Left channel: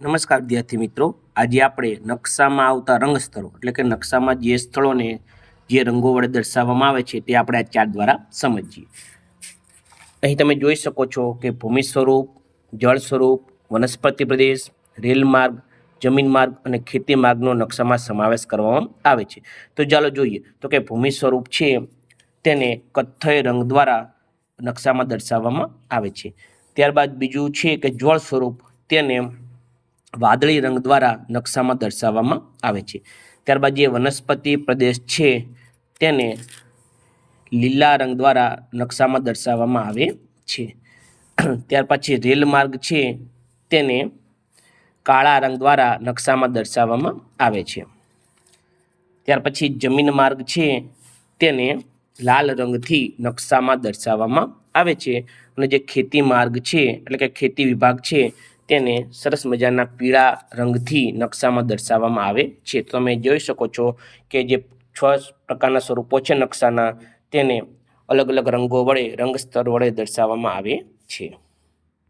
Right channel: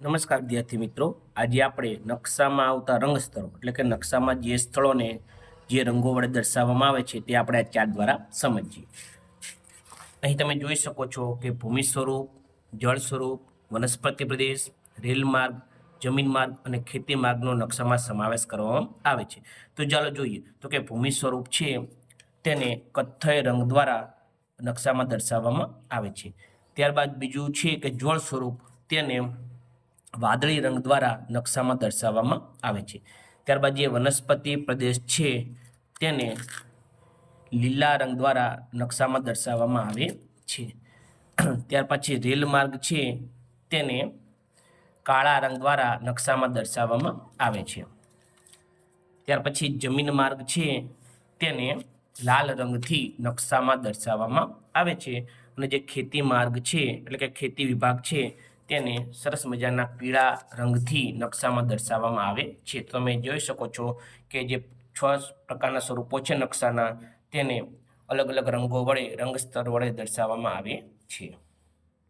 નમસ્કાર વિદ્યાર્થી મિત્રો, આજે આપણે નકશામાં આવતા રંગ સ્તરો એટલે કે નકશામાં જે સ્થળોને જે રંગો વડે દર્શાવવામાં આવે છે તે આપણે આ ચાર્ટ દ્વારા સમજીએ. અહીં તમે જોઈ શકો છો કે ભૂમિ સ્વરૂપ, જળ સ્વરૂપ, વનસ્પતિ પ્રદેશ, રેલ માર્ગ, જમીન માર્ગ અને ખેતી માર્ગનો નકશામાં સમાવેશ કરવામાં આવે છે. તો ચાલો જોઈએ. તો કે ભૂમિ સ્વરૂપ છે તેને કથ્થઈ રંગ દ્વારા નકશામાં દર્શાવવામાં આવે છે. ત્યારબાદ બીજું છે કે જળ સ્વરૂપ, તેને વાદળી રંગ દ્વારા નકશામાં દર્શાવવામાં આવે છે. ત્યારબાદ જે વનસ્પતિ પ્રદેશ છે તેને લીલા રંગ દ્વારા નકશામાં દર્શાવવામાં આવે છે. ત્યાર પછી રેલ માર્ગ છે તેને કાળા રંગ દ્વારા નકશામાં દર્શાવવામાં આવે છે. ત્યાર પછી જમીન માર્ગ છે તેને લાલ રંગથી નકશામાં દર્શાવવામાં આવે છે. અને જે ખેતી માર્ગ છે એટલે કે ખેતી વિભાગ છે તેને સરસ મજાના પીળા રંગથી નકશામાં દર્શાવવામાં આવે છે. તો તમે જોઈ શકો છો કે જે 6 પ્રકારના સ્વરૂપો છે નકશાના તેને અલગ અલગ રંગો વડે રંગ સ્તર વડે દર્શાવવામાં આવે છે.